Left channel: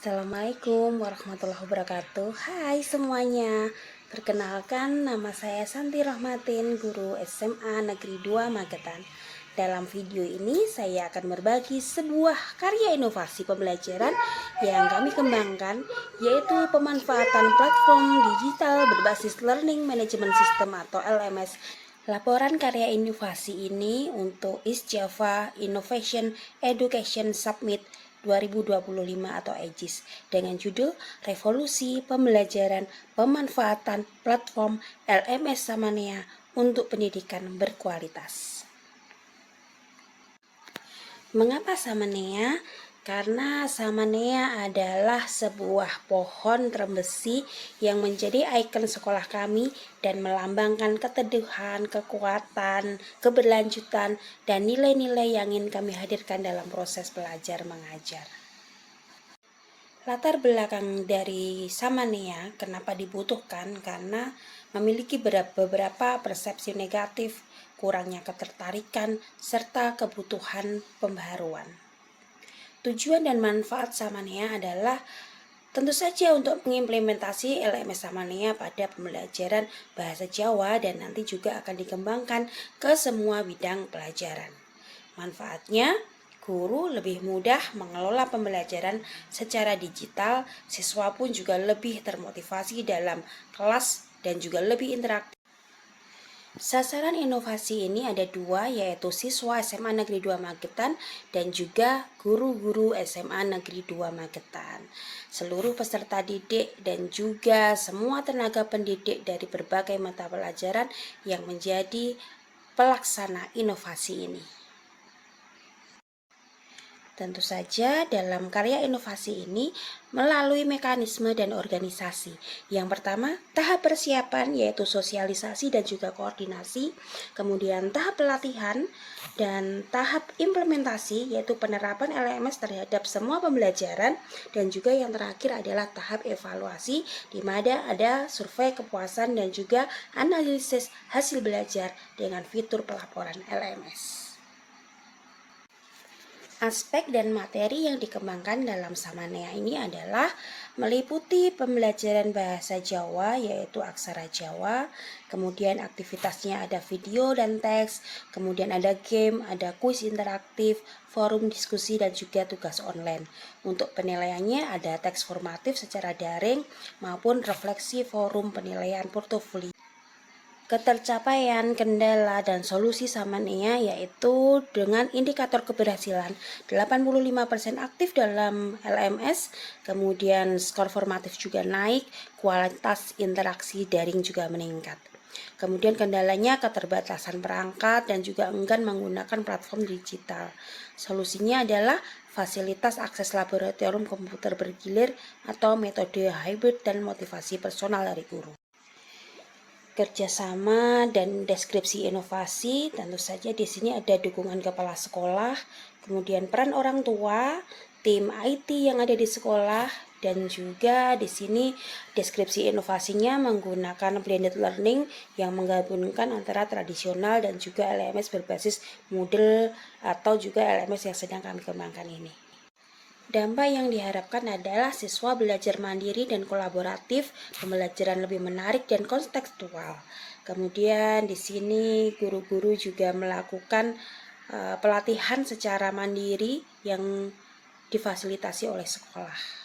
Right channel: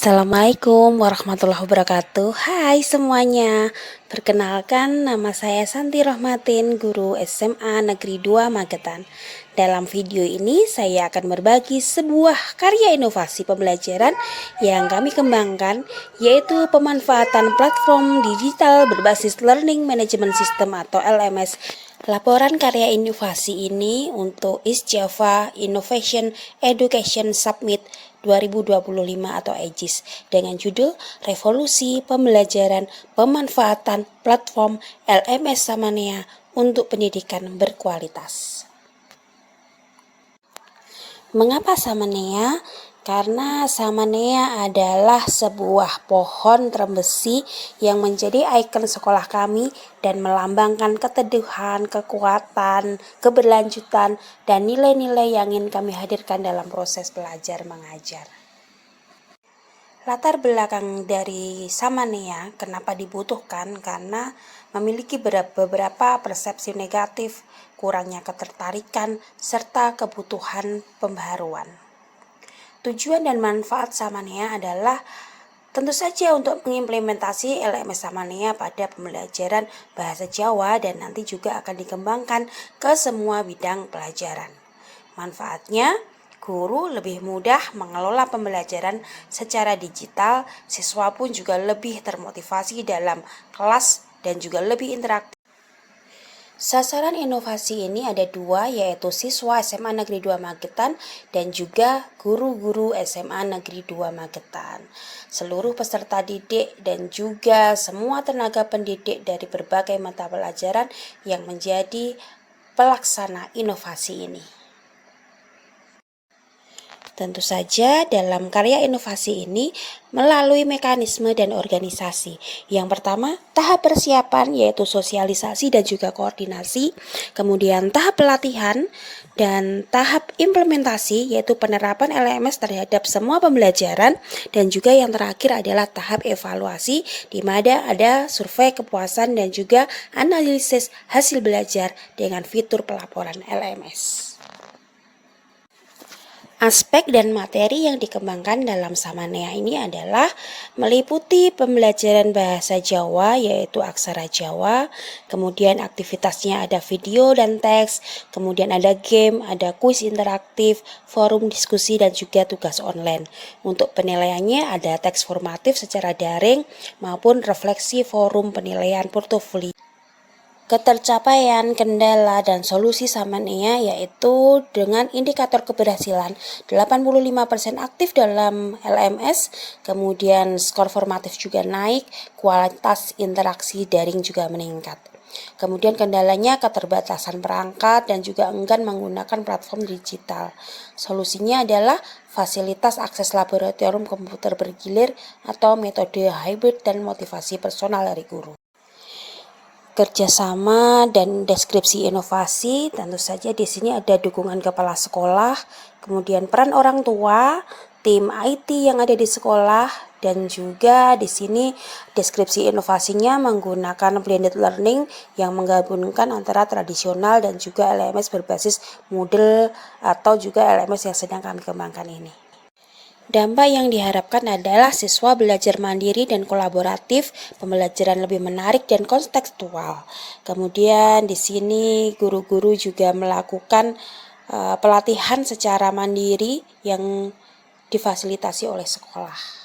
Assalamualaikum warahmatullahi wabarakatuh. Hai semuanya. Perkenalkan, nama saya Santi Rohmatin, guru SMA Negeri 2 Magetan. Dalam video ini saya akan berbagi sebuah karya inovasi pembelajaran yang kami kembangkan, yaitu pemanfaatan platform digital berbasis Learning Management System atau LMS. Laporan karya inovasi ini untuk East Java Innovation Education Summit 2025 atau EJIS dengan judul Revolusi Pembelajaran Pemanfaatan Platform LMS Samanea untuk Pendidikan Berkualitas. Mengapa Samanea? Karena Samanea adalah sebuah pohon trembesi yang menjadi ikon sekolah kami dan melambangkan keteduhan, kekuatan, keberlanjutan, dan nilai-nilai yang ingin kami hadirkan dalam proses belajar mengajar. Latar belakang dari Samanea kenapa dibutuhkan? Karena memiliki beberapa persepsi negatif, kurangnya ketertarikan, serta kebutuhan pembaharuan. Tujuan dan manfaat Samanea adalah tentu saja untuk mengimplementasi LMS Samanea pada pembelajaran bahasa Jawa dan nanti juga akan dikembangkan ke semua bidang pelajaran. Manfaatnya, guru lebih mudah mengelola pembelajaran secara digital, siswa pun juga lebih termotivasi dalam kelas dan juga lebih interaktif. Sasaran inovasi ini ada dua, yaitu siswa SMA Negeri 2 Magetan dan juga guru-guru SMA Negeri 2 Magetan. Seluruh peserta didik dan juga semua tenaga pendidik dari berbagai mata pelajaran yang menjadi pelaksana inovasi ini. Tentu saja dalam karya inovasi ini melalui mekanisme dan organisasi. Yang pertama, tahap persiapan yaitu sosialisasi dan juga koordinasi. Kemudian tahap pelatihan dan tahap implementasi yaitu penerapan LMS terhadap semua pembelajaran. Dan juga yang terakhir adalah tahap evaluasi di mana ada survei kepuasan dan juga analisis hasil belajar dengan fitur pelaporan LMS. Aspek dan materi yang dikembangkan dalam Samanea ini adalah meliputi pembelajaran bahasa Jawa yaitu aksara Jawa, kemudian aktivitasnya ada video dan teks, kemudian ada game, ada kuis interaktif, forum diskusi dan juga tugas online. Untuk penilaiannya ada teks formatif secara daring maupun refleksi forum penilaian portofolio. Ketercapaian, kendala, dan solusi Samanea yaitu dengan indikator keberhasilan 85% aktif dalam LMS, kemudian skor formatif juga naik, kualitas interaksi daring juga meningkat. Kemudian kendalanya keterbatasan perangkat dan juga enggan menggunakan platform digital. Solusinya adalah fasilitas akses laboratorium komputer bergilir atau metode hybrid dan motivasi personal dari guru. Kerjasama dan deskripsi inovasi, tentu saja di sini ada dukungan kepala sekolah, kemudian peran orang tua, tim IT yang ada di sekolah, dan juga di sini deskripsi inovasinya menggunakan blended learning yang menggabungkan antara tradisional dan juga LMS berbasis Moodle atau juga LMS yang sedang kami kembangkan ini. Dampak yang diharapkan adalah siswa belajar mandiri dan kolaboratif, pembelajaran lebih menarik dan kontekstual. Kemudian di sini guru-guru juga melakukan pelatihan secara mandiri yang difasilitasi oleh sekolah.